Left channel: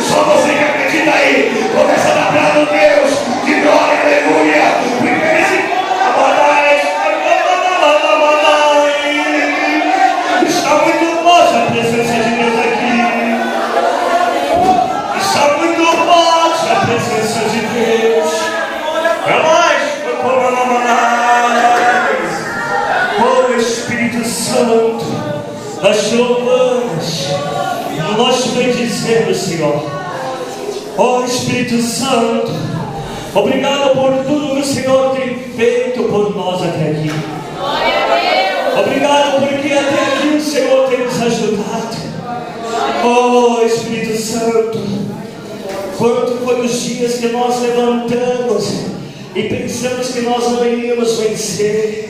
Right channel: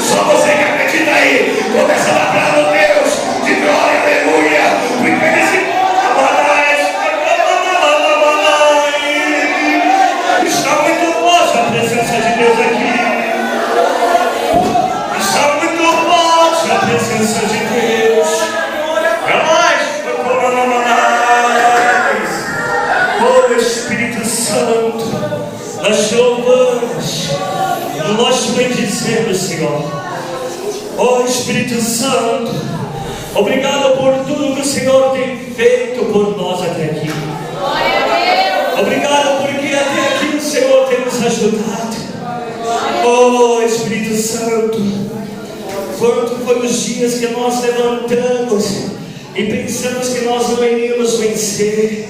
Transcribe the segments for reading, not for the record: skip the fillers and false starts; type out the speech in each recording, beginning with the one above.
Só você que acredita aí, começa a dar para Deus de glória, aleluia. Porque Ele se está muito forte a presença de Deus aqui. Está muito forte a presença de Deus. É mais. Oh Espírito Santo, nós te louvamos, nós te bendizemos, Senhor. Oh Espírito Santo, obrigado por tudo que o Senhor tem feito por nós até aqui. Obrigado porque até aqui o Senhor tem nos ajudado. Oh Espírito Santo, quanto foram os dias que nós levantamos e pensamos que nós não iríamos vencer.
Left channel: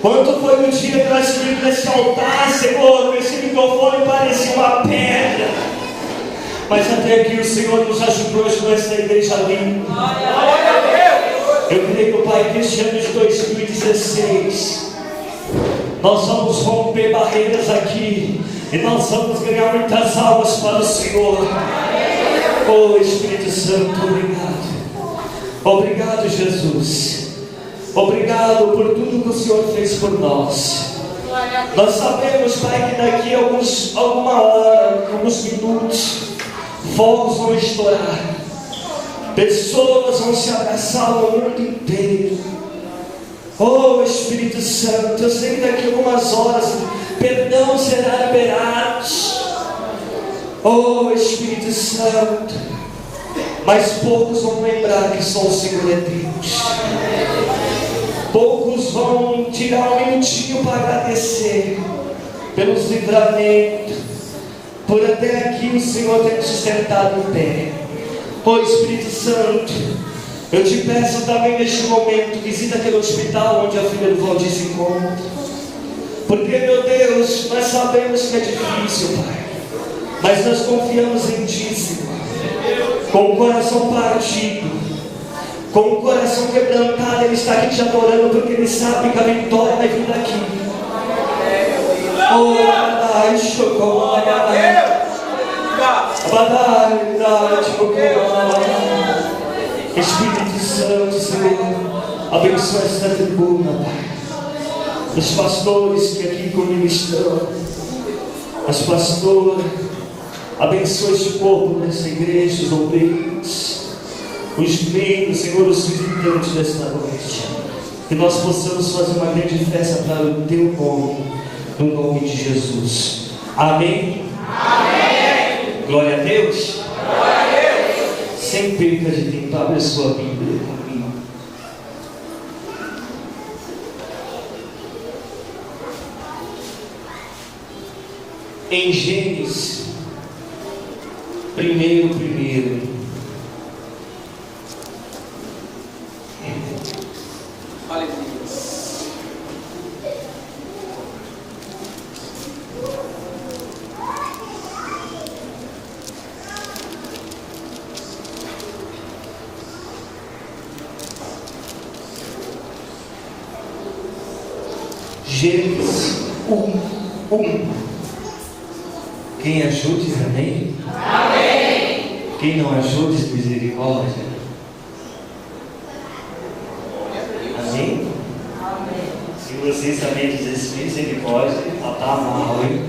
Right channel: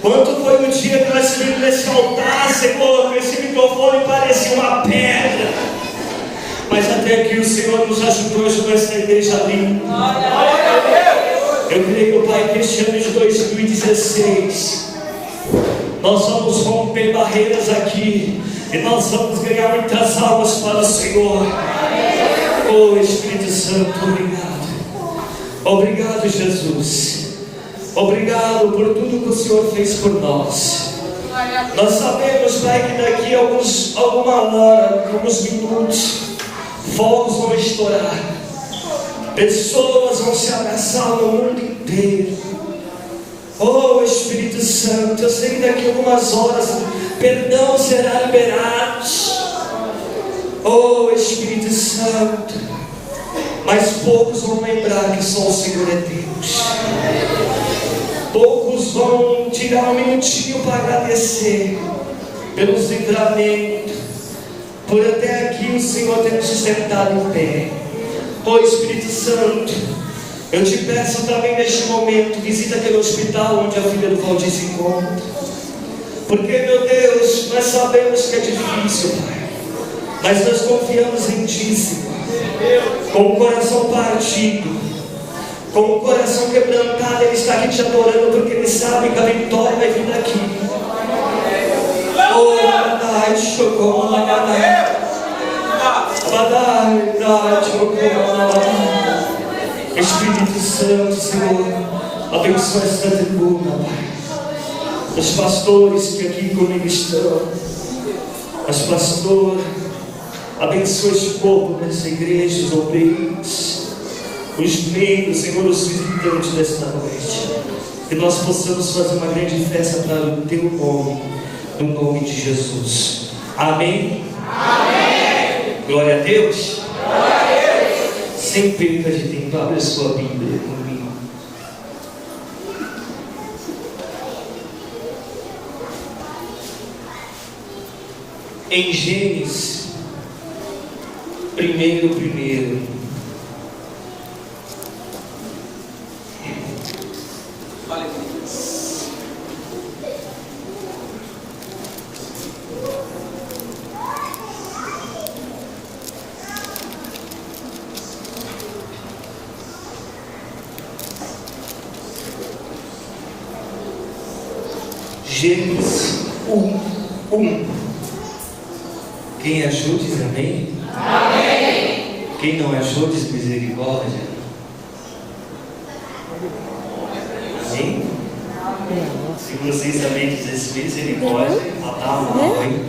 Quanto foi o dia que nós subimos nesse altar, Senhor, esse microfone parecia uma pedra, mas até que o Senhor nos ajudou nessa igreja linda. Eu creio, Pai, que este ano de 2016 nós vamos romper barreiras aqui e nós vamos ganhar muitas almas para o Senhor. Oh Espírito Santo, obrigado. Obrigado, Jesus. Obrigado por tudo que o Senhor fez por nós. Nós sabemos, Pai, que daqui a alguma hora, alguns minutos, fogos vão estourar, pessoas vão se abraçar no mundo inteiro. Oh Espírito Santo, eu sei que daqui a algumas horas perdão será liberado. Oh Espírito Santo, mas poucos vão lembrar que só o Senhor é Deus. Poucos vão tirar um minutinho para agradecer pelos livramentos, por até aqui o Senhor ter nos sustentado em pé. Oh Espírito Santo, eu te peço também neste momento, visita aquele hospital onde a filha do Valdir se encontra. Porque, meu Deus, nós sabemos que é difícil, Pai, mas nós confiamos em Ti, Senhor. Com o coração partido, com o coração quebrantado, Ele está aqui te adorando, porque Ele sabe que a vitória vai vir daqui. Oh, Espírito Santo, Senhor, abençoa esta tribuna, Pai. Os pastores que aqui comigo estão, as pastoras, abençoa esse povo nessa igreja, os obreiros, os membros, Senhor, os visitantes desta noite. Que nós possamos fazer uma grande festa para o Teu nome, no nome de Jesus. Amém? Amém. Glória a Deus. Glória a Deus. Sem perca de tempo, abre a sua Bíblia comigo. Em Gênesis, primeiro. Gênesis 1. Quem achou diz amém? Amém. Quem não achou diz misericórdia. Amém? Amém. Se vocês também dizem misericórdia, tá mal, hein?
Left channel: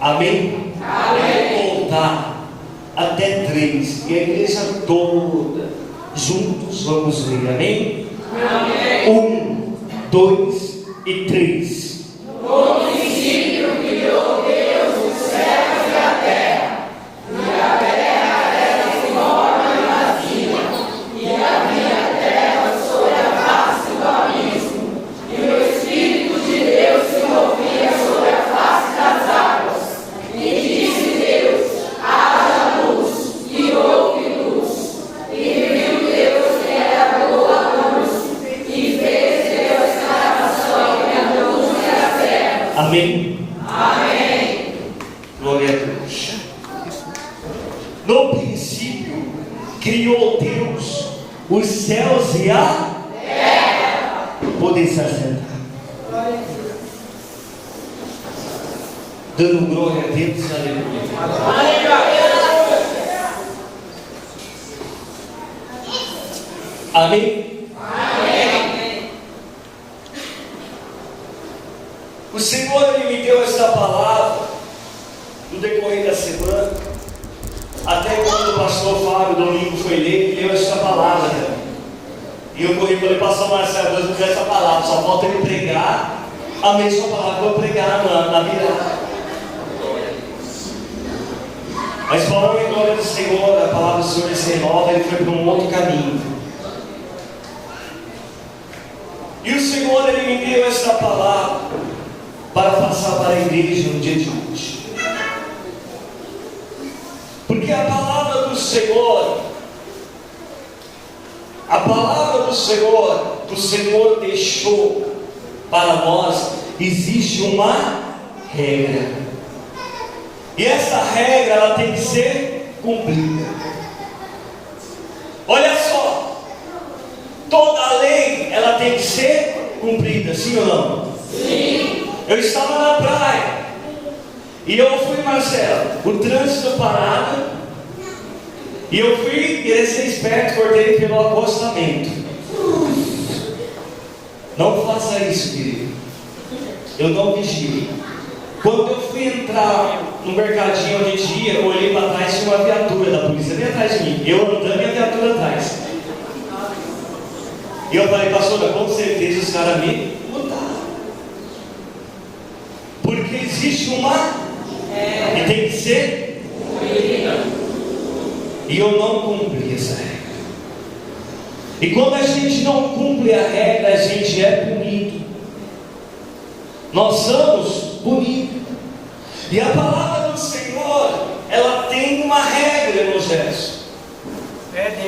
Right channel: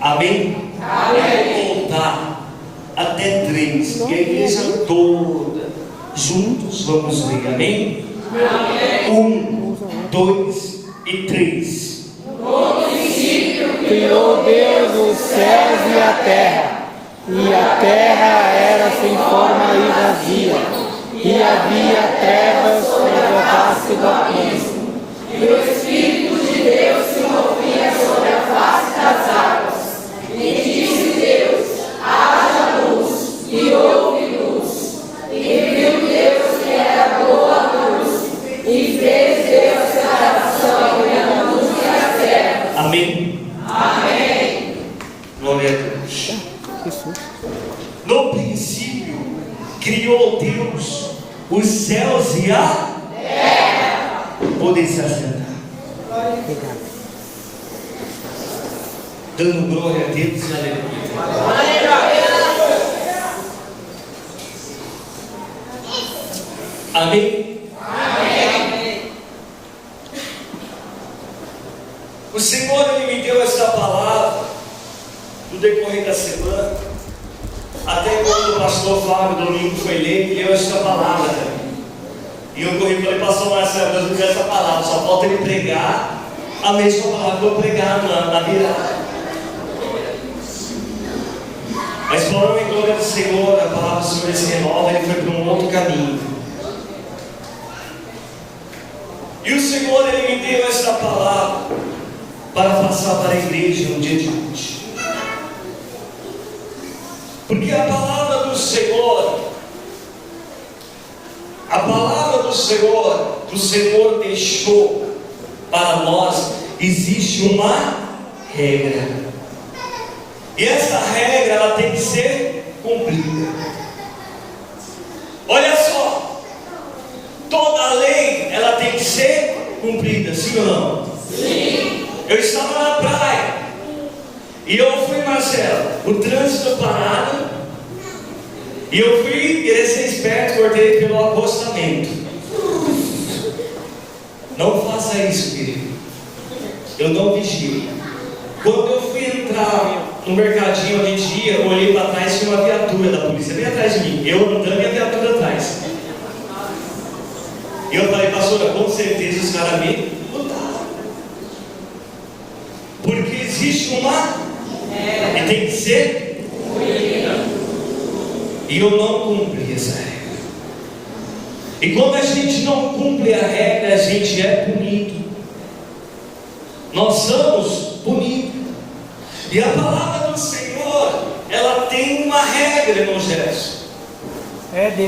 Amém? Amém. Vou contar até 3 e a igreja toda juntos vamos ler. Amém? Amém. 1, 2 e 3. No princípio criou Deus os céus e a terra era sem forma e vazia, e havia trevas sobre a face do abismo, e o Espírito de Deus se movia sobre a face das águas. E disse Deus: haja luz, e houve luz. E viu Deus que era boa a luz, e fez Deus a separação entre a luz e a terra. Amém. Amém. Glória a Deus. No princípio criou Deus os céus e a terra. Podem se assentar. Dando glória a Deus e aleluia. Amém? Amém. O Senhor, Ele me deu esta palavra no decorrer da semana, até quando o pastor Fábio domingo foi ler, me deu essa palavra também. E eu corri e falei, pastor Marcelo, Deus me deu essa palavra, só falta ele pregar a mesma palavra que eu pregar na virada. Mas falando em glória do Senhor, a palavra do Senhor se renova, ele foi para um outro caminho. E o Senhor, Ele me deu esta palavra para passar para a igreja no dia de hoje. Porque a palavra do Senhor deixou para nós, existe uma regra. E essa regra, ela tem que ser cumprida. Olha só, toda lei, ela tem que ser cumprida, sim ou não? Sim. Eu estava na praia, e eu fui, Marcelo, o trânsito parado, e eu fui querer ser esperto, cortei pelo acostamento. Não faça isso, querido. Eu não vigio. Quando eu fui entrar no mercadinho onde a gente ia, eu olhei para trás e tinha uma viatura da polícia bem atrás de mim. Eu andando e a viatura atrás. E eu falei, pastora, com certeza os caras me mudaram. Porque existe uma e tem que ser e eu não cumpri essa regra. E quando a gente não cumpre a regra, a gente é punido. Nós somos punidos. E a palavra do Senhor, ela tem uma regra, irmão Gerson.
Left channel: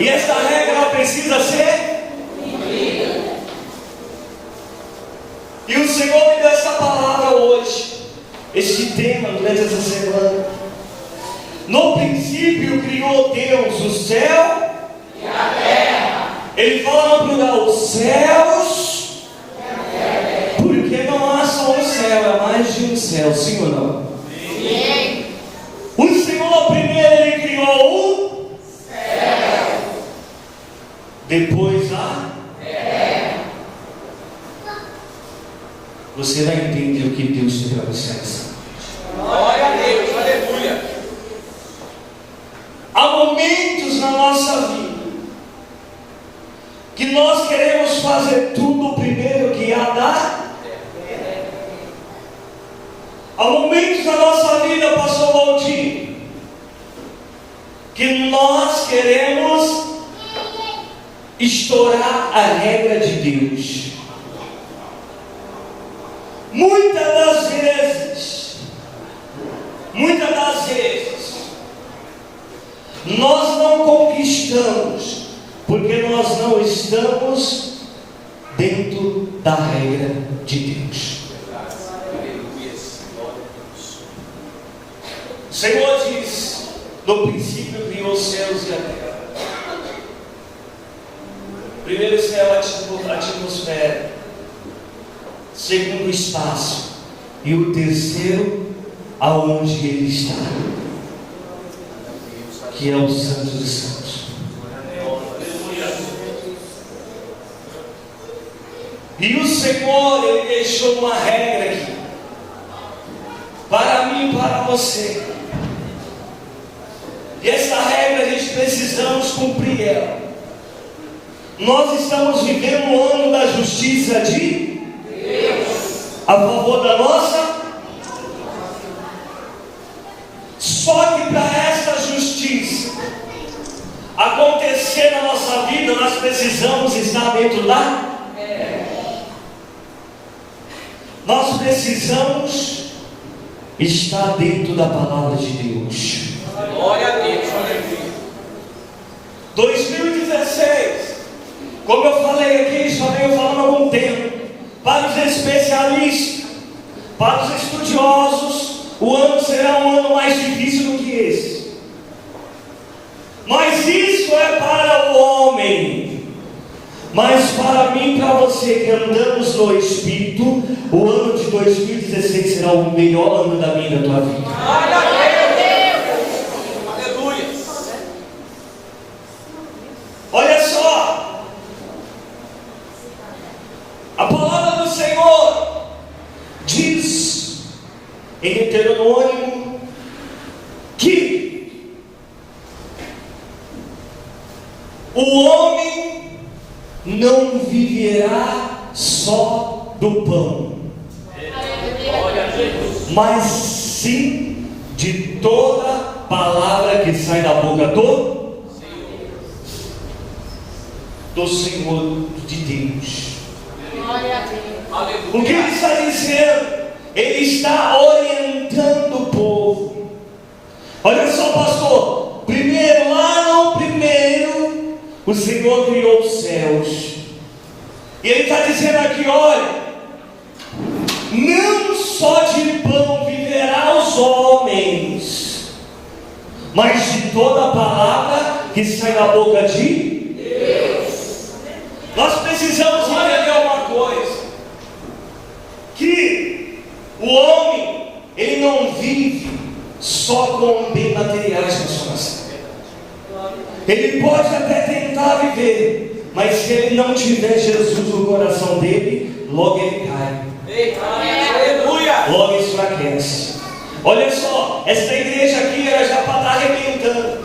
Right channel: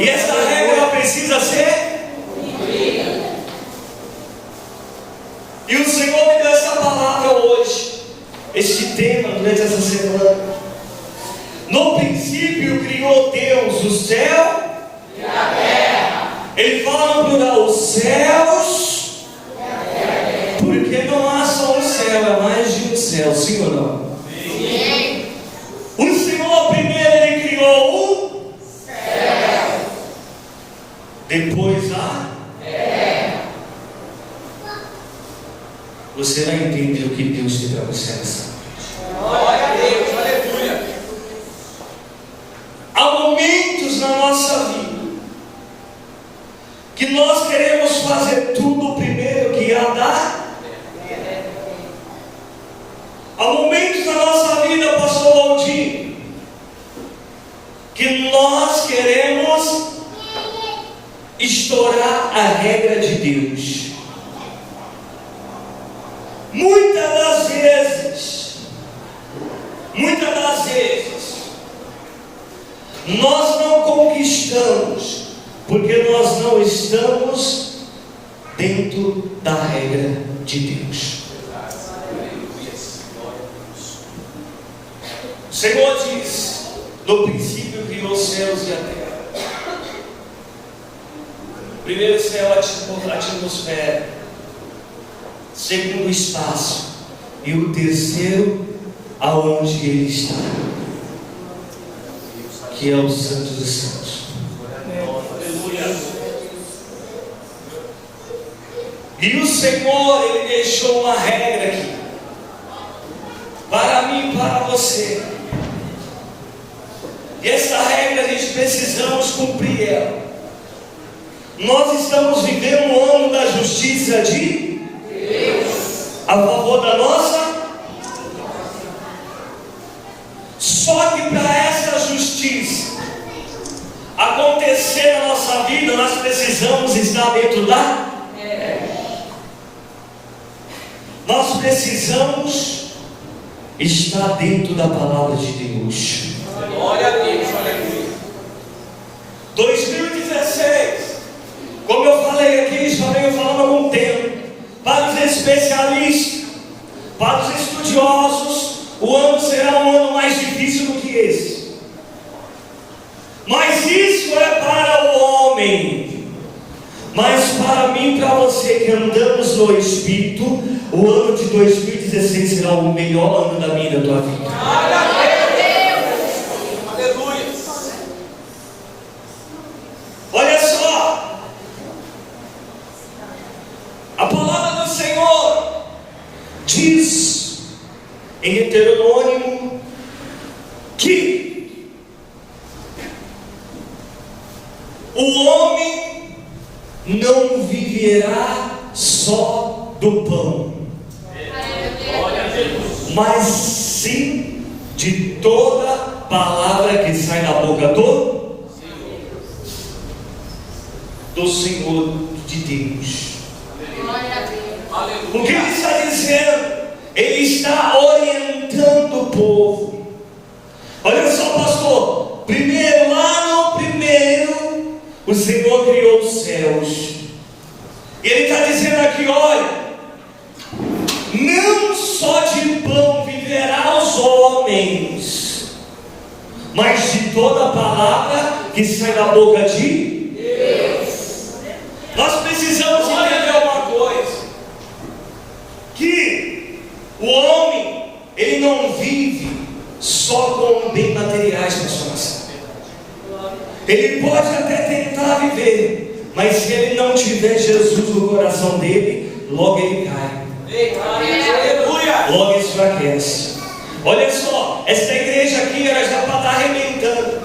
E essa regra, ela precisa ser cumprida. E o Senhor me deu essa palavra hoje, esse tema durante essa semana. No princípio criou Deus o céu e a terra. Ele fala no plural, os céus e a terra. Porque não há só um céu, é mais de um céu, sim ou não? Sim. O Senhor primeiro Ele criou o céu, depois a terra. Você vai entender o que Deus tem para você nessa noite. Glória a Deus, aleluia. Há momentos na nossa vida que nós queremos fazer tudo primeiro que há da. Há momentos na nossa vida, pastor Valdir, que nós queremos estourar a regra de Deus. Muitas das vezes, nós não conquistamos, porque nós não estamos dentro da regra de Deus. O Senhor diz, no princípio criou os céus e a terra. Primeiro céu, a atmosfera. Segundo o espaço. E o terceiro, aonde Ele está, que é o Santo dos Santos. E o Senhor, Ele deixou uma regra aqui, para mim e para você. E essa regra, a gente precisamos cumprir ela. Nós estamos vivendo um ano da justiça de Deus a favor da nossa. Só que para essa justiça acontecer na nossa vida, nós precisamos estar dentro da. Nós precisamos estar dentro da palavra de Deus. Glória a Deus, aleluia. 2016, como eu falei aqui, já venho falando há algum tempo, para os especialistas, para os estudiosos, o ano será um ano mais difícil do que esse. Mas isso é para o homem. Mas para mim e para você que andamos no Espírito, o ano de 2016 será o melhor ano da minha e da tua vida. Glória a Deus, aleluia. Olha só, o homem não viverá só do pão, mas sim de toda palavra que sai da boca do Senhor de Deus. O que ele está dizendo? Ele está orientando o povo. Olha só, pastor, lá no primeiro, o Senhor criou os céus. E ele está dizendo aqui, olha, não só de pão viverá os homens, mas de toda palavra que sai da boca de Deus. Nós precisamos entender uma coisa, que o homem, ele não vive só com bens materiais na sua nação. Ele pode até tentar viver, mas se ele não tiver Jesus no coração dele, logo ele cai. Logo enfraquece. Olha só, essa igreja aqui era já para estar arrebentando.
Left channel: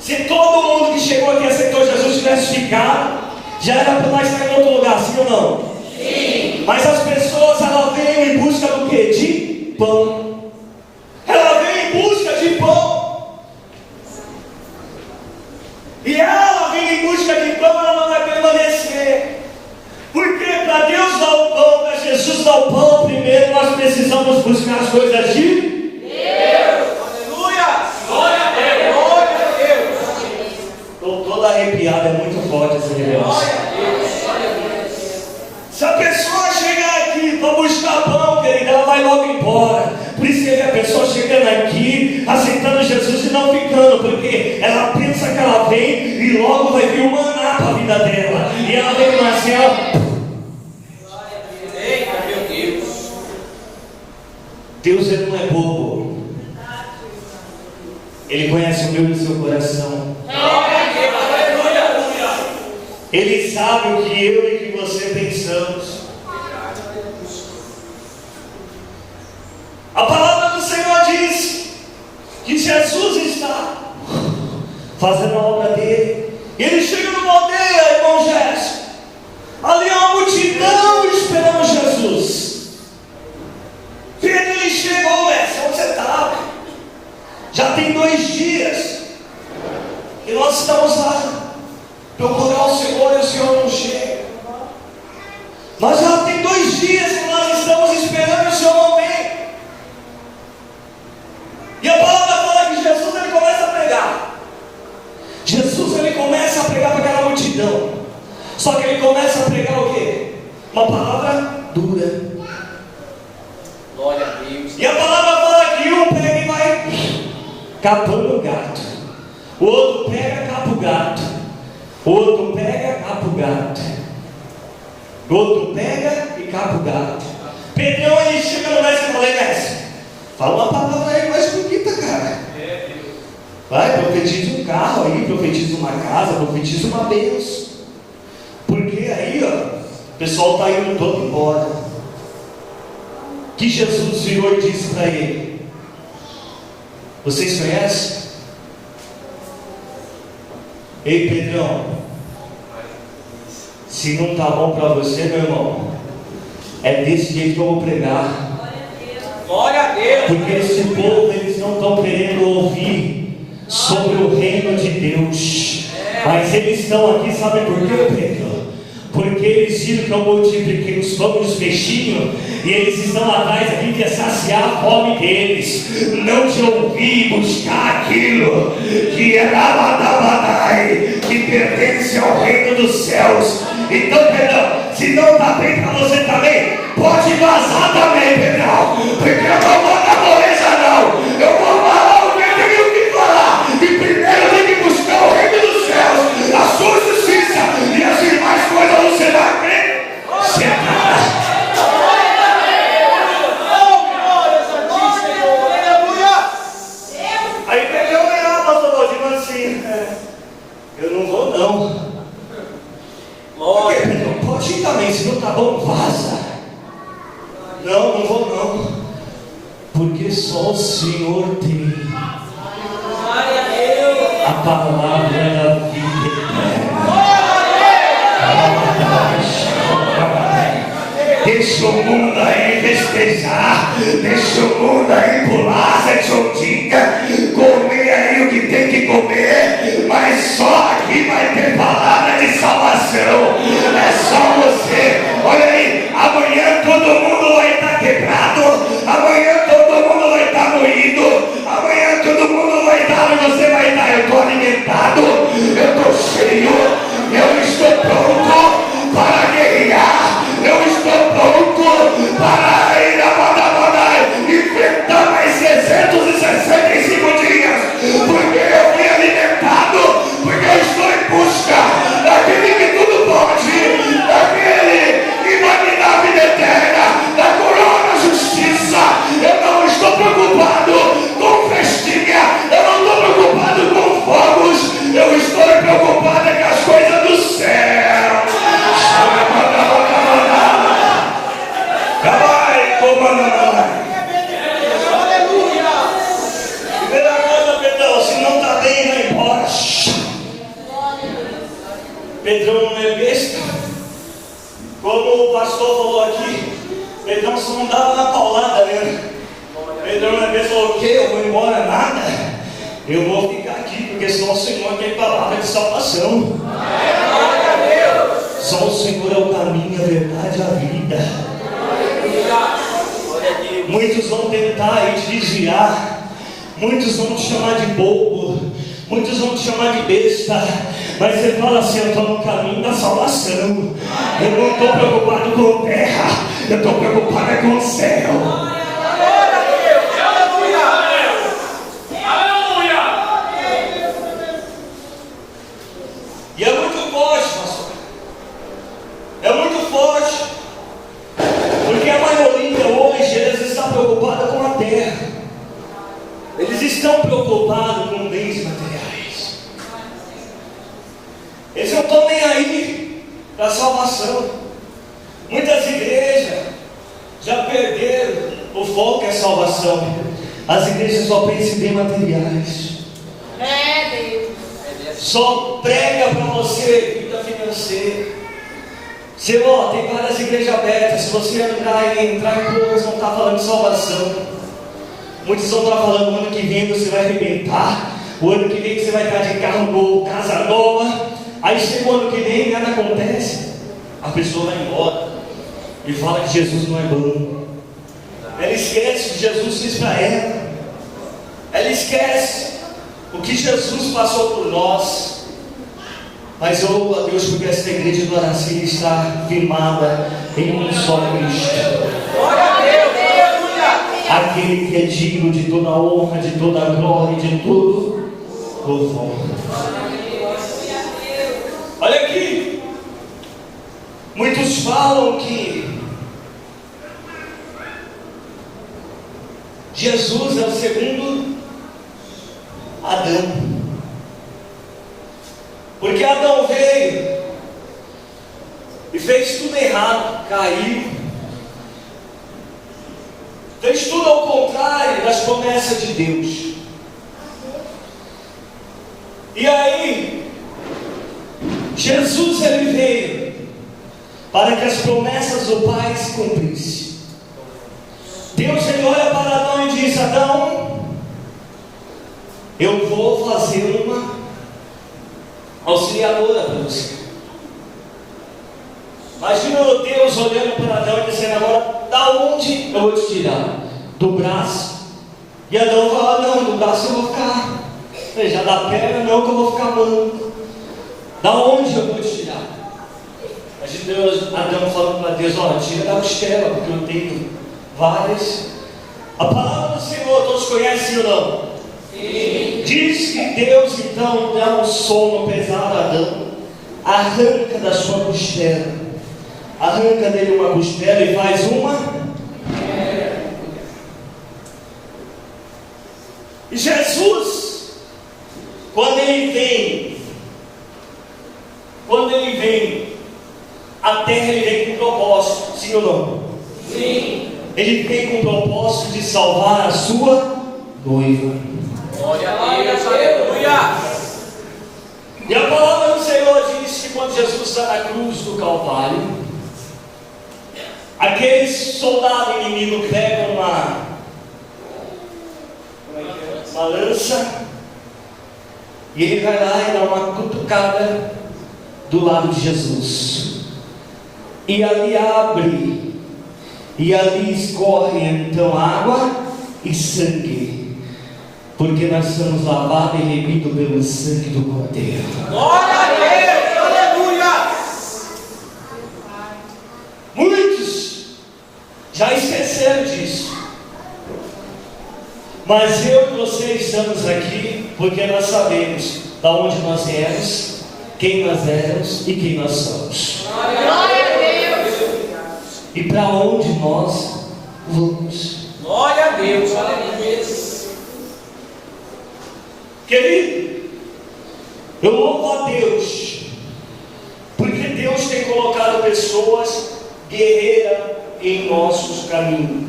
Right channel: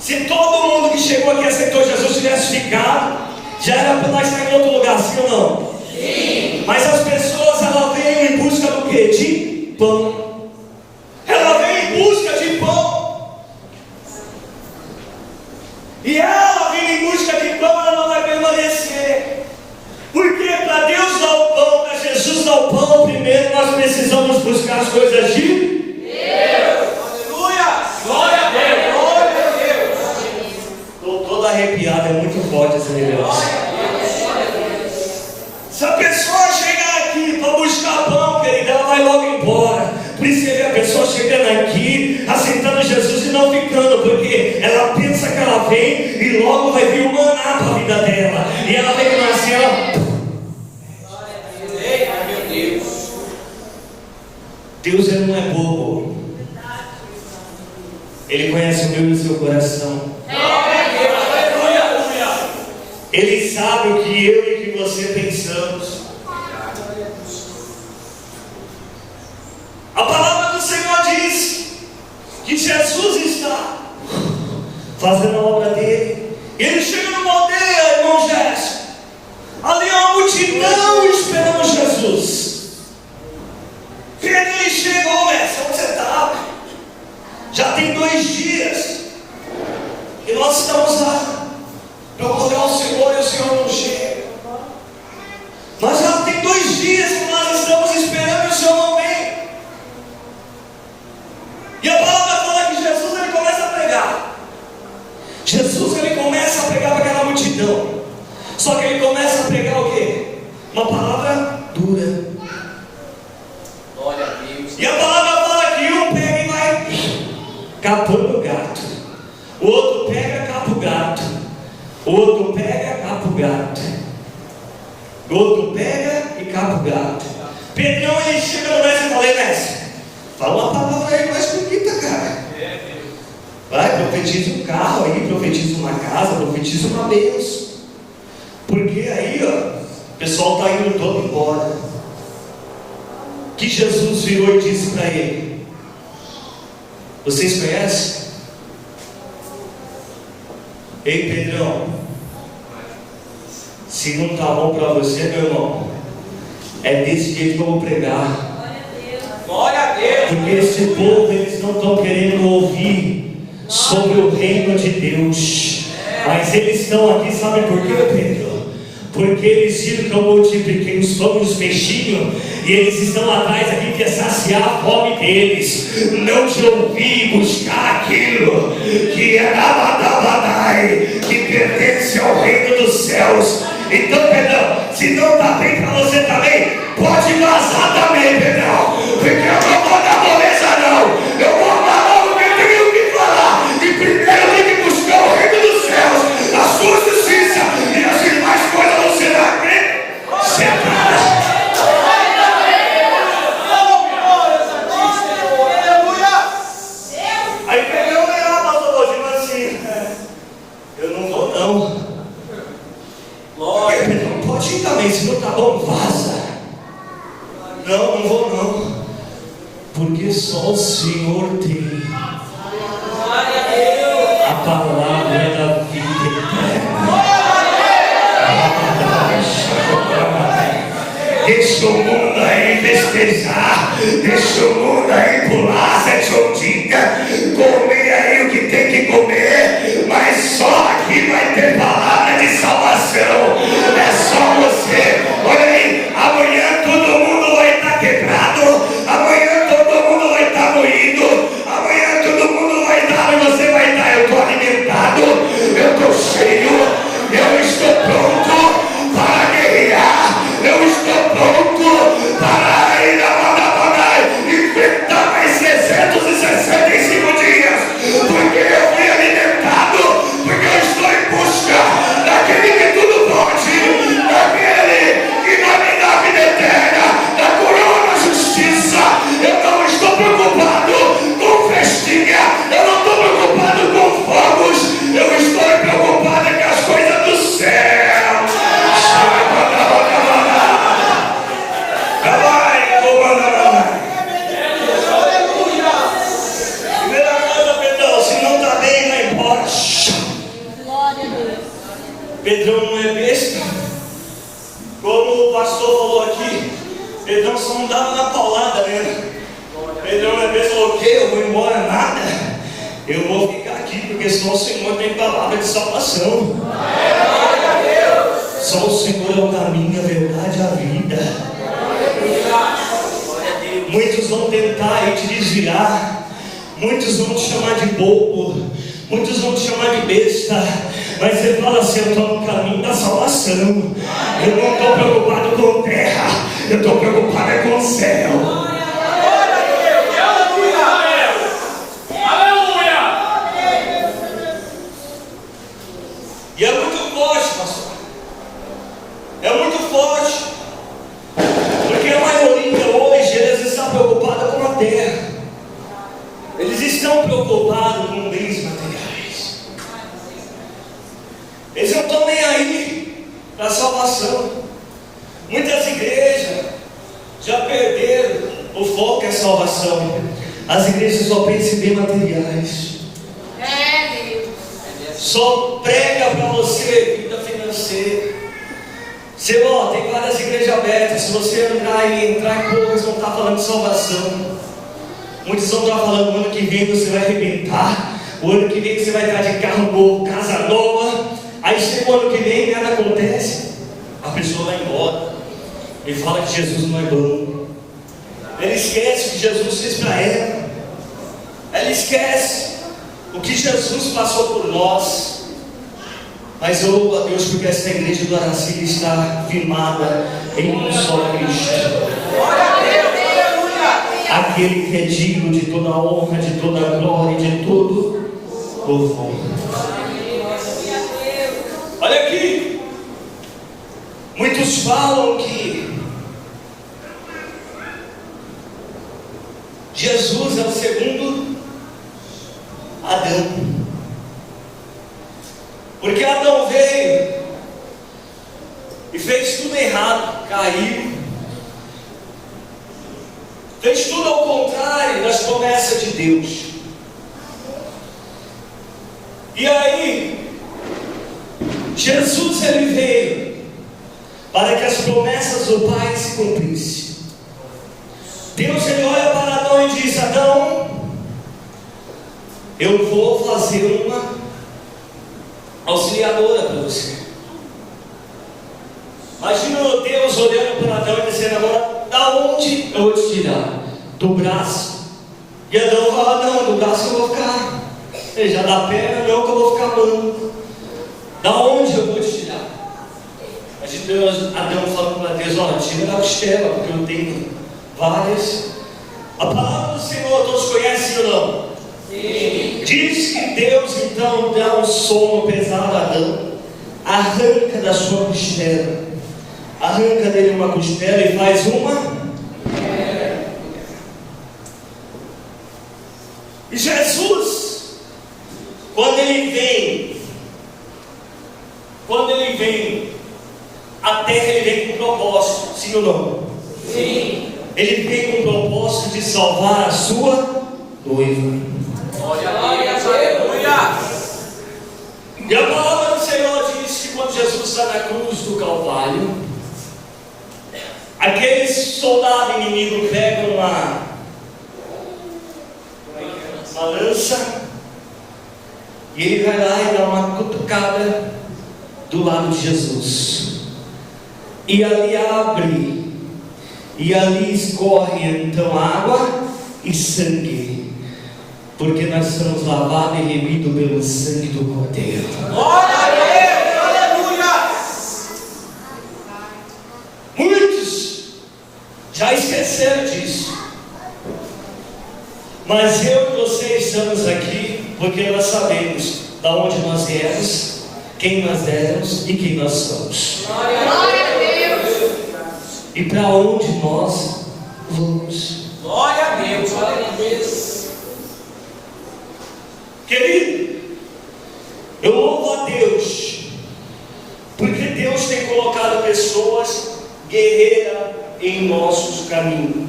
Se todo mundo que chegou aqui aceitou Jesus tivesse ficado, já era para nós estar em outro lugar, sim ou não? Sim. Mas as pessoas, elas vêm em busca do quê? De pão. Ela vem em busca de pão. E ela vem em busca de pão, ela não vai permanecer. Porque para Deus dar o pão, para Jesus dar o pão, primeiro nós precisamos buscar as coisas de Deus. Aleluia! Glória a Deus! Glória a Deus! Estou todo arrepiado, é muito forte esse negócio. Se a pessoa chegar aqui para buscar pão, querida, ela vai logo embora. Por isso que a pessoa chegando aqui, aceitando Jesus e não ficando, porque ela pensa que ela vem e logo vai vir o maná para a vida dela. E ela vem assim, ó. Deus, ele não é bobo. Ele conhece o meu e o seu coração. Ele sabe o que eu e o que você pensamos. A palavra do Senhor diz que Jesus está fazendo a obra dele. E ele chega numa aldeia, irmão Gerson. Ali há uma multidão esperando Jesus. Ele chegou, mestre, onde você está? Já tem 2 dias. E nós estamos lá. Procurando o Senhor e o Senhor não chega. Mas já tem 2 dias que nós estamos esperando e o Senhor não vem. E a palavra fala que Jesus, ele começa a pregar. Jesus, ele começa a pregar para aquela multidão. Só que ele começa a pregar o quê? Uma palavra dura. Glória a Deus. E a palavra fala que um pega e vai capando o gato. O outro pega, capa o gato. O outro pega, capa o gato. O outro pega e capa o gato. Pedrão, ele chega no mestre e fala: mestre, fala uma palavra aí mais bonita, cara. Vai, profetiza um carro aí, profetiza uma casa, profetiza uma bênção. Porque aí, ó, o pessoal está indo todo embora. Que Jesus virou e disse para ele: vocês conhecem? Ei, Pedrão, se não está bom para você, meu irmão, é desse jeito que eu vou pregar. Glória a Deus. Porque esse povo, eles não estão querendo ouvir sobre o reino de Deus. Mas eles estão aqui, sabe por quê, Pedro? Porque eles viram que eu multipliquei os pães e os peixinhos, e eles estão atrás aqui que é saciar a fome deles, não de ouvir e buscar aquilo que é Abadabadai, que pertence ao reino dos céus. Então, Pedrão, se não está bem para você também, pode vazar também, Pedrão, porque eu não vou dar moleza não, eu vou falar o que eu tenho que falar, e primeiro tem que buscar o reino dos céus, a sua justiça, e as demais coisas você vai ter cercada. Aí Pedrão vem lá, pastor Lodinho, assim: eu não vou não. Glória, não pode ir também, se não tá bom, vaza. Não vou não, porque só o Senhor tem a palavra da vida eterna. deixa o mundo aí pular, sete ou dica, comer aí o que tem que comer, mas só aqui vai ter palavra de salvação. É só você. Olha aí, amanhã todo mundo vai estar quebrado, amanhã todo mundo vai estar moído, amanhã todo mundo vai estar, e você vai estar, eu estou alimentado, eu estou cheio, eu estou pronto para guerrear, eu estou pronto para ir enfrentar mais 365 dias, porque eu fui alimentado, porque eu estou em busca daquele que tudo pode, daquele que vai me dar vida eterna, da coroa da justiça. Eu não estou preocupado com festinha, eu não estou preocupado com fogos, eu estou preocupado com as coisas do céu. Pedrão não é besta, como o pastor falou aqui. Pedrão só não dava na paulada, né? Pedrão não é besta, falou: o quê? Eu vou embora nada? Eu vou ficar aqui, porque só o Senhor tem palavra de salvação. Só o Senhor é o caminho, a verdade e a vida. Muitos vão tentar te desviar, muitos vão te chamar de bobo, muitos vão te chamar de besta, mas você fala assim: eu estou no caminho da salvação. Eu não estou preocupado com terra, eu estou preocupado com o céu. E é muito forte, pastor. É muito forte. Porque a maioria hoje, eles estão preocupada com a terra. Eles estão preocupados com bens materiais. Eles não estão nem aí para a salvação. Muitas igrejas já perderam o foco é a salvação. As igrejas só pensam em bens materiais. Só prega para você vida financeira. Senhor, tem várias igrejas abertas. Se você entrar em poucas, vão estar falando de salvação. Muitos vão estar falando: o ano que vem você vai arrebentar, o ano que vem você vai estar de carro novo, casa nova. Aí chega o ano que vem e nada acontece. A pessoa vai embora e fala que Jesus não é bom. Ela esquece o que Jesus fez para ela. Ela esquece o que Jesus passou por nós. Mas eu louvo a Deus, porque essa igreja do Aracil está firmada em um só Cristo. Glória a Deus, aleluia! Aquele que é digno de toda honra, de toda glória e de todo louvor. Olha aqui. Muitos falam que Jesus é o segundo Adão. Porque Adão veio e fez tudo errado, caiu, fez tudo ao contrário das promessas de Deus. E aí, Jesus ele veio para que as promessas do Pai se cumprissem. Deus ele olha para Adão e diz: Adão, eu vou fazer uma auxiliadora para você. Imagina Deus olhando para Adão e dizendo: agora, da onde eu vou te tirar? Do braço. E Adão fala: não, do braço eu vou ficar. Já da perna não, que eu vou ficar manco. Da onde eu vou te tirar? Imagina Deus, Adão falando para Deus: olha, tira da costela, porque eu tenho várias. A palavra do Senhor todos conhecem ou não? Sim. Diz que Deus então dá um sono pesado a Adão, arranca da sua costela, arranca dele uma costela e faz uma. E Jesus, quando ele vem, a terra ele vem com propósito, sim ou não? Sim. Ele vem com o propósito de salvar a sua noiva. Glória a Deus, aleluia! E a palavra do Senhor diz que quando Jesus está na cruz do Calvário, aquele soldado inimigo pega uma lança, e ele vai lá e dá uma cutucada do lado de Jesus, e ali abre, e ali escorre então água e sangue, porque nós somos lavados e remidos pelo sangue do Cordeiro. Glória a Deus, aleluia. Muitos já esqueceram disso, mas eu e você estamos aqui porque nós sabemos da onde nós viemos, quem nós éramos e quem nós somos. Glória a Deus. E para onde nós vamos. Glória a Deus, glória a Deus. Querido, eu louvo a Deus, porque Deus tem colocado pessoas guerreiras em nossos caminhos.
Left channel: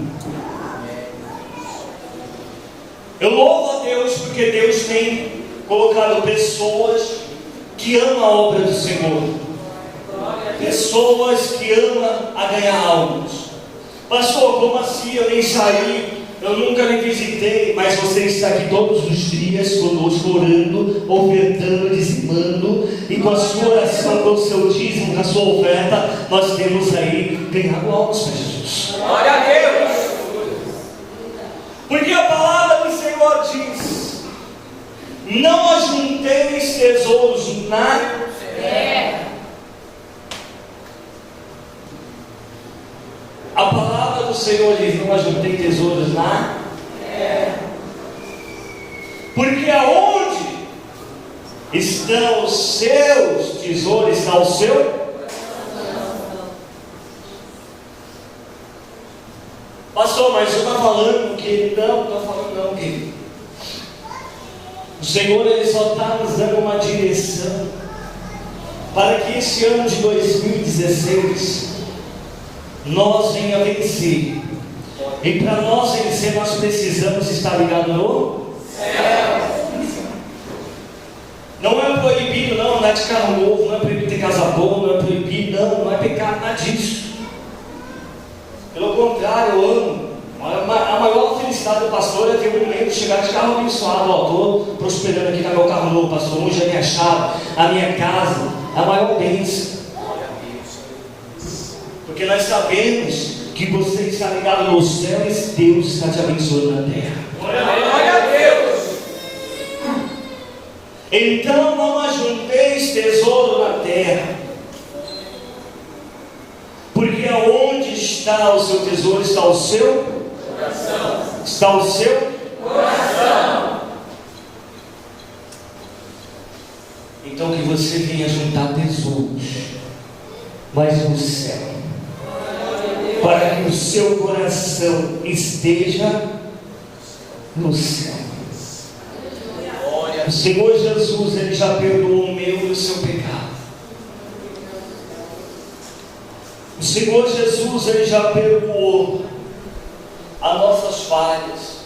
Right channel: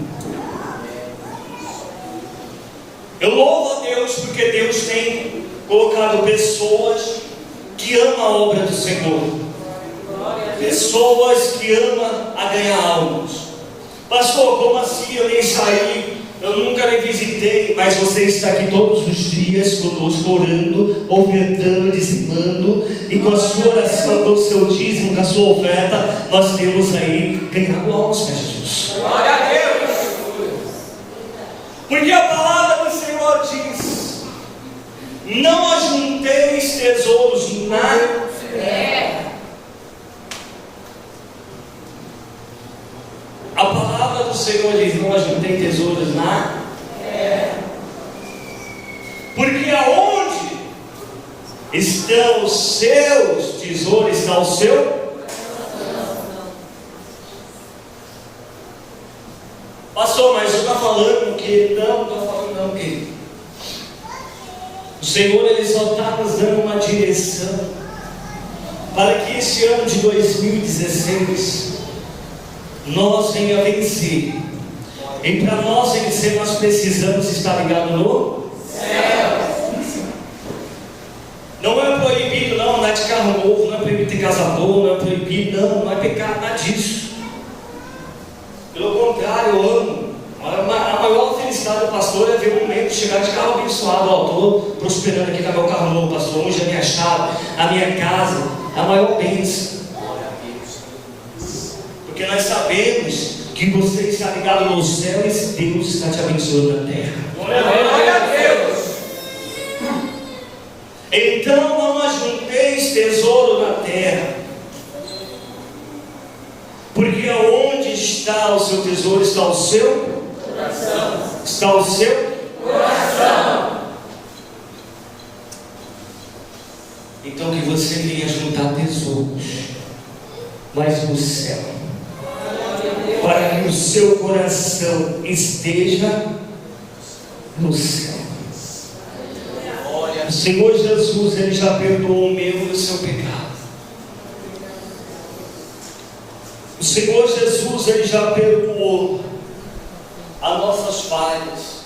Eu louvo a Deus porque Deus tem colocado pessoas que amam a obra do Senhor, pessoas que amam a ganhar almas. Pastor, como assim? Eu nem saí, eu nunca lhe visitei, mas você está aqui todos os dias conosco, orando, ofertando, dizimando, e com a sua oração, com o seu dízimo, com a sua oferta, nós temos aí ganhado almas para Jesus. Glória a Deus. Porque a palavra do Senhor diz: não ajunteis tesouros na terra. A palavra do Senhor diz: não ajuntei tesouros na terra. Porque aonde estão os seus tesouros, está o seu. Pastor, mas eu estou falando que não, estou falando não, querido. O Senhor, Ele só está nos dando uma direção para que esse ano de 2016 nós venha vencer. E para nós vencer, nós precisamos estar ligados no céu. Não é proibido não andar de carro novo, não é proibido ter casa boa, não é proibido, não é pecado, nada disso. Pelo contrário, eu amo. A maior felicidade do pastor é ver um membro chegar de carro abençoado. Ó, estou prosperando aqui, está meu carro novo, pastor. Hoje é a minha chave, a minha casa. É a maior bênção. Porque nós sabemos que você está ligado no céu e Deus está te abençoando na terra. Glória a Deus. Então não ajunteis tesouro na terra, porque aonde está o seu tesouro, está o seu Coração. Está o seu Coração. Então que você venha juntar tesouros, mas no céu, para que o seu coração esteja no céu. O Senhor Jesus, Ele já perdoou o meu e o seu pecado. O Senhor Jesus, Ele já perdoou as nossas falhas.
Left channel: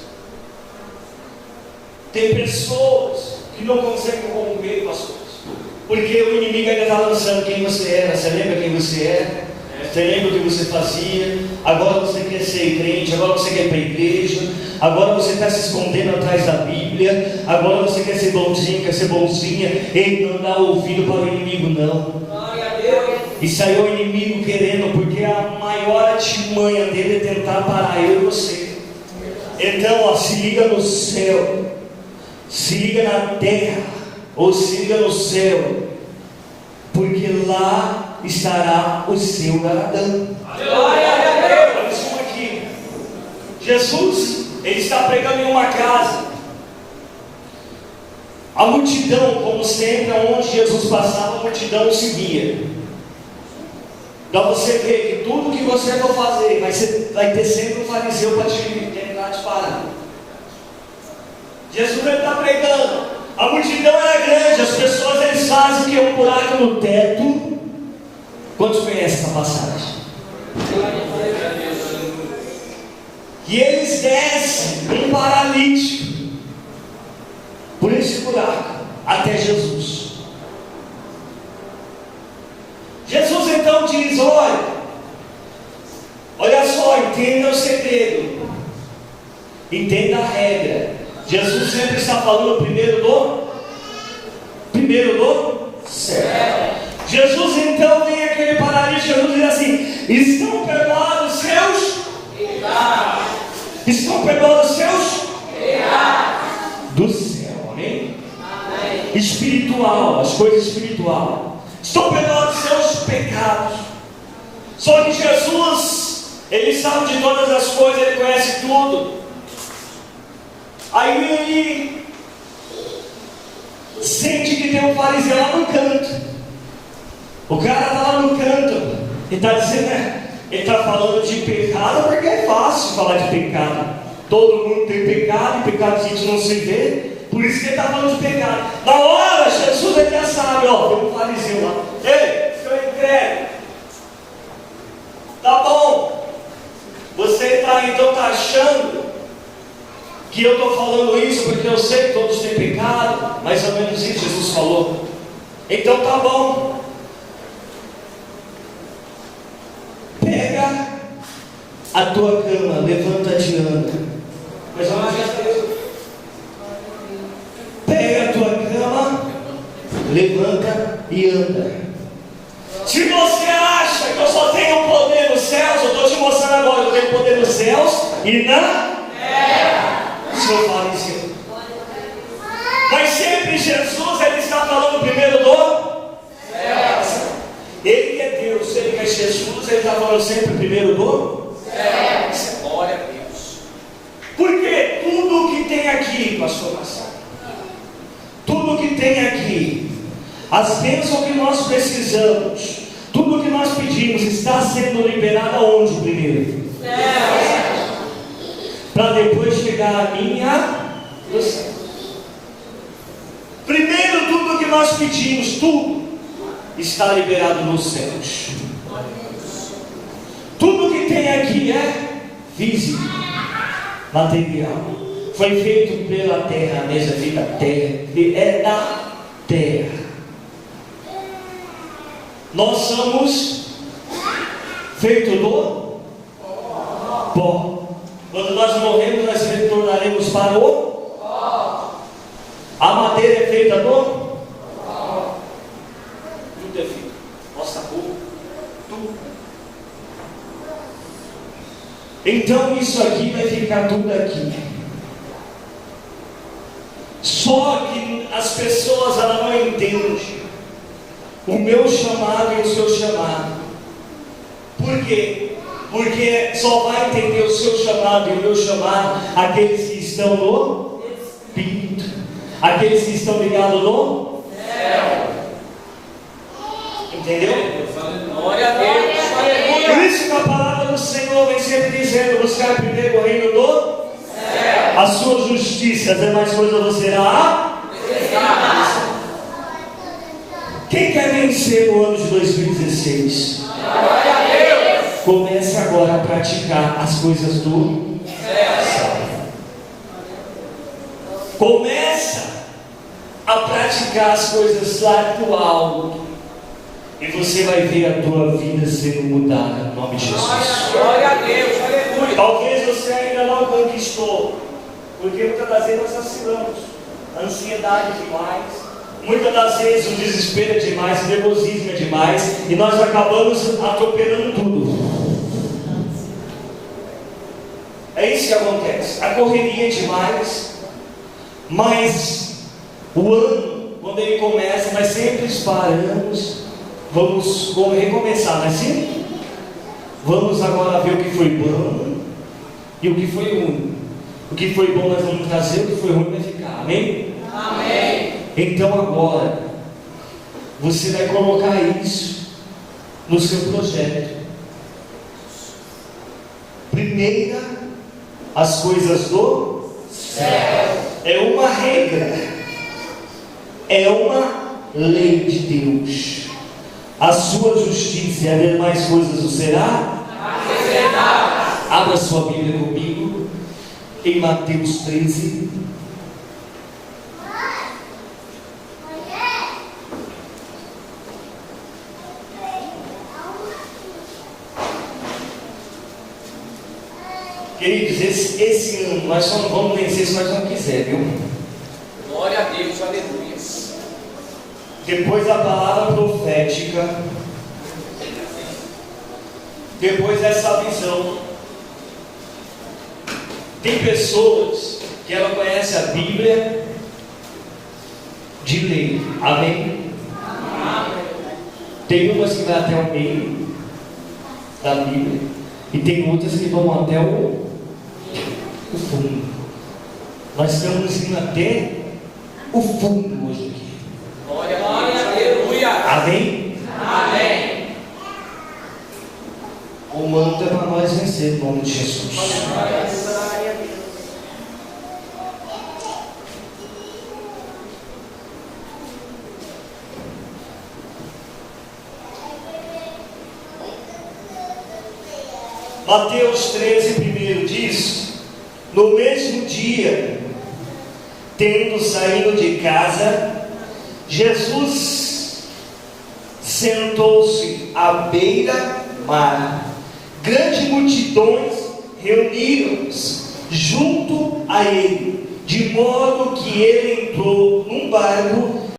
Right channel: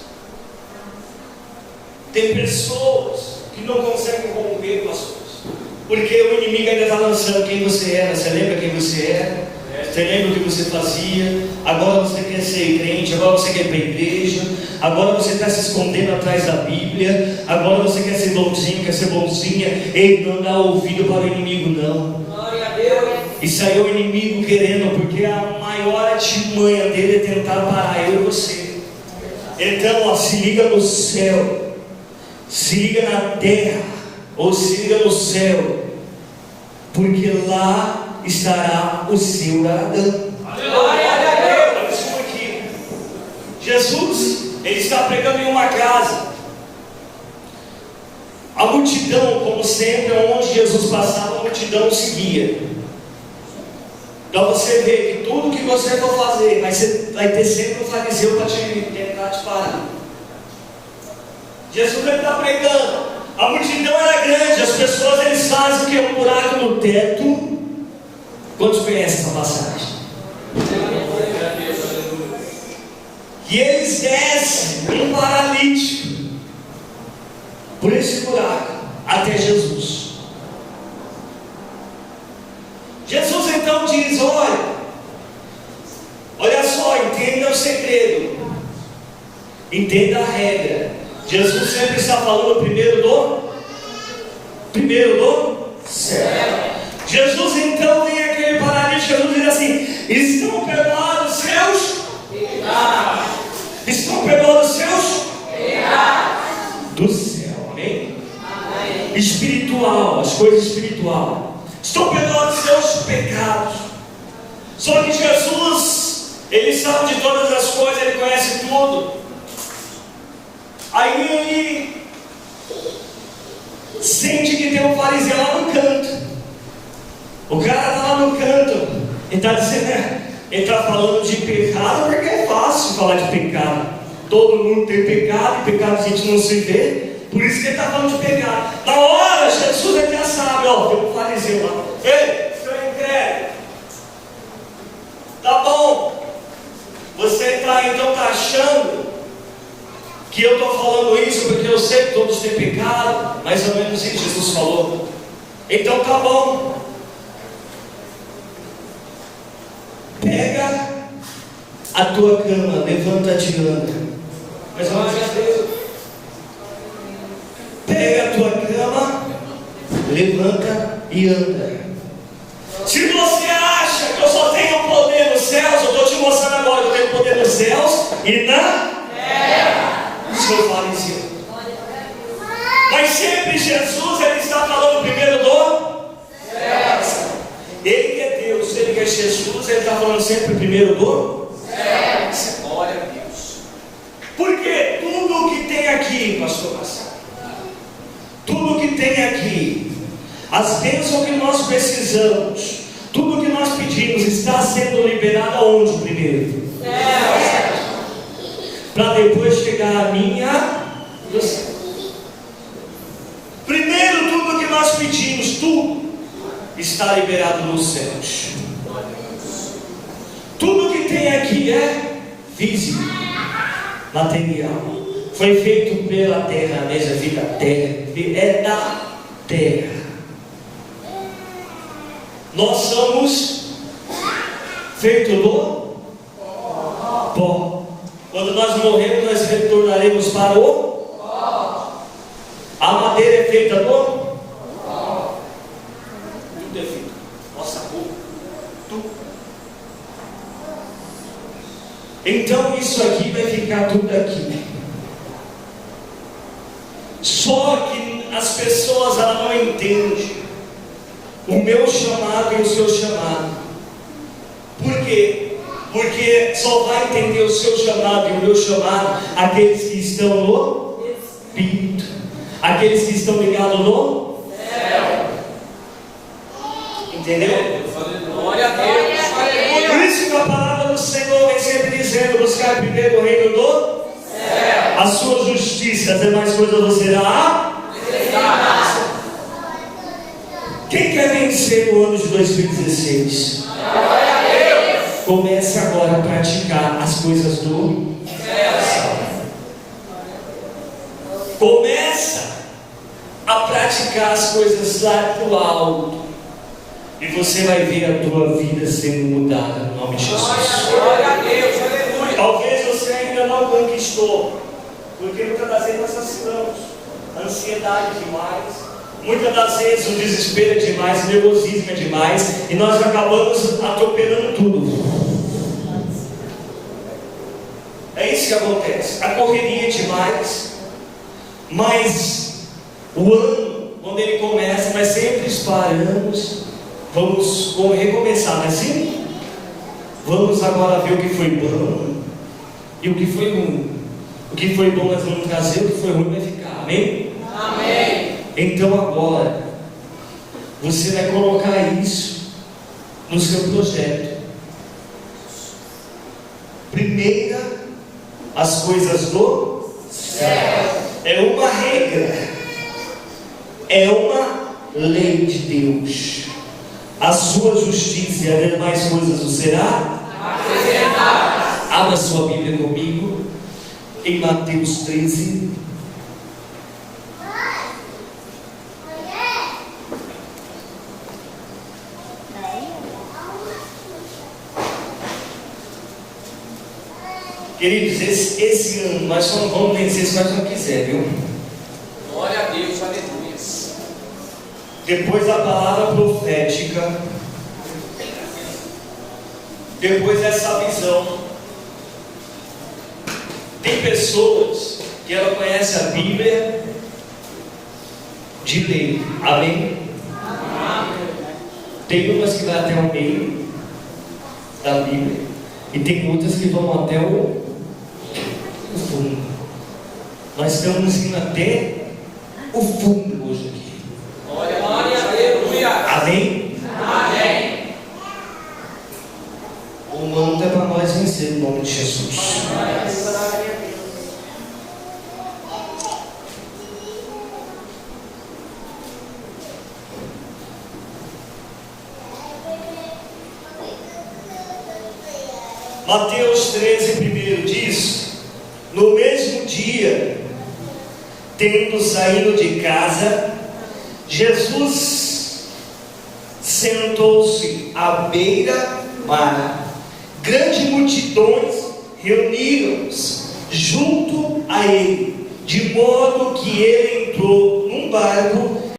Tem pessoas que não conseguem romper com as coisas, porque o inimigo ainda está lançando quem você era. Você lembra quem você era? Você lembra o que você fazia? Agora você quer ser crente, agora você quer ir para a igreja, agora você está se escondendo atrás da Bíblia, agora você quer ser bonzinho, quer ser bonzinha. Ei, não dá ouvido para o inimigo, não. Glória a Deus. Isso aí é o inimigo querendo, porque a maior artimanha dele é tentar parar eu e você. Então, ó, se liga no céu, se liga na terra, ou se liga no céu, porque lá estará o seu galardão. Glória a Deus. Isso aqui. Jesus, Ele está pregando em uma casa. A multidão, como sempre, onde Jesus passava, a multidão o seguia. Então você vê que tudo que você for fazer, vai ter sempre um fariseu para tentar te parar. Jesus está pregando, a multidão era grande, as pessoas eles fazem que é um buraco no teto. Quantos conhecem essa passagem? E eles descem um paralítico por esse buraco até Jesus. Jesus então diz: olha entenda o segredo. Entenda a regra. Jesus sempre está falando primeiro do céu. Jesus então vem aquele paralítico, Jesus diz assim: estão perdoados seus pecados. Estão perdoados seus pecados. Do céu, amém? Amém? Espiritual, as coisas espirituais. Estão perdoados seus pecados. Só que Jesus, Ele sabe de todas as coisas, Ele conhece tudo. Aí Ele sente que tem um fariseu lá no canto. O cara está lá no canto. Ele está dizendo, ele está falando de pecado, porque é fácil falar de pecado. Todo mundo tem pecado, e pecado a gente não se vê. Por isso que ele está falando de pecado. Na hora, Jesus ele já sabe, ó, tem um fariseu lá. Ei, seu incrédulo, tá bom. Você está achando que eu estou falando isso porque eu sei que todos têm pecado, mais ou menos isso Jesus falou. Então tá bom. Pega a tua cama, levanta-te e anda. Mais ou menos isso. Pega a tua cama, levanta e anda. Se você acha que eu só tenho poder nos céus, eu estou te mostrando agora que eu tenho poder nos céus e na terra. Isso eu falo isso. Mas sempre Jesus ele está falando primeiro do céu. Ele é Deus, ele é Jesus, ele está falando sempre primeiro do céu. Glória a Deus. Porque tudo o que tem aqui, pastor Marcelo, tudo o que tem aqui, as bênçãos que nós precisamos, tudo o que nós pedimos, está sendo liberado aonde primeiro? Para depois chegar a minha do céu. Primeiro, tudo o que nós pedimos, tudo está liberado nos céus. Tudo que tem aqui é físico, material. Foi feito pela terra, a mesma vida, terra, é da terra. Nós somos feitos do pó. Quando nós morremos, nós retornaremos para o pó. A madeira é feita do pó. Tudo é feito. Nossa roupa, tudo. Então isso aqui vai ficar tudo aqui. Só que as pessoas elas não entendem o meu chamado e o seu chamado. Por quê? Porque só vai entender o seu chamado e o meu chamado aqueles que estão no Espírito, aqueles que estão ligados no céu. Entendeu? Glória a Deus. Por isso que a palavra do Senhor vem sempre dizendo: buscar primeiro o reino do céu, a sua justiça, as demais coisas você será acrescentada. Quem quer vencer no ano de 2016? Glória a Deus. Comece agora a praticar as coisas do céu. Começa a praticar as coisas lá do alto. E você vai ver a tua vida sendo mudada no nome de Jesus. Glória a Deus, aleluia. Talvez você ainda não conquistou, porque muitas das vezes nós assassinamos. Ansiedade demais. Muitas das vezes o desespero é demais, o nervosismo é demais, e nós acabamos atropelando tudo. É isso que acontece. A correria é demais, mas o ano, quando ele começa, nós sempre paramos, vamos recomeçar, não é assim? Vamos agora ver o que foi bom e o que foi ruim. O que foi bom nós vamos trazer, o que foi ruim vai ficar, amém? Amém. Então agora, você vai colocar isso no seu projeto. Primeira, as coisas do céu. É uma regra, é uma lei de Deus. A sua justiça e as demais coisas o será acrescentada. Abra sua Bíblia comigo em Mateus 13. Queridos, esse ano nós só não vamos vencer se nós não quisermos, viu? Glória a Deus, aleluias. Depois da palavra profética, depois dessa visão, tem pessoas que ela conhece a Bíblia de ler, amém? Tem umas que vai até o meio da Bíblia e tem outras que vão até o fundo. Nós estamos indo até o fundo hoje aqui. Glória a Deus, aleluia. Amém? Amém. O manto é para nós vencer, no nome de Jesus. Mateus 13, primeiro diz: no mesmo dia, tendo saído de casa, Jesus sentou-se à beira-mar. Grandes multidões reuniram-se junto a ele, de modo que ele entrou num barco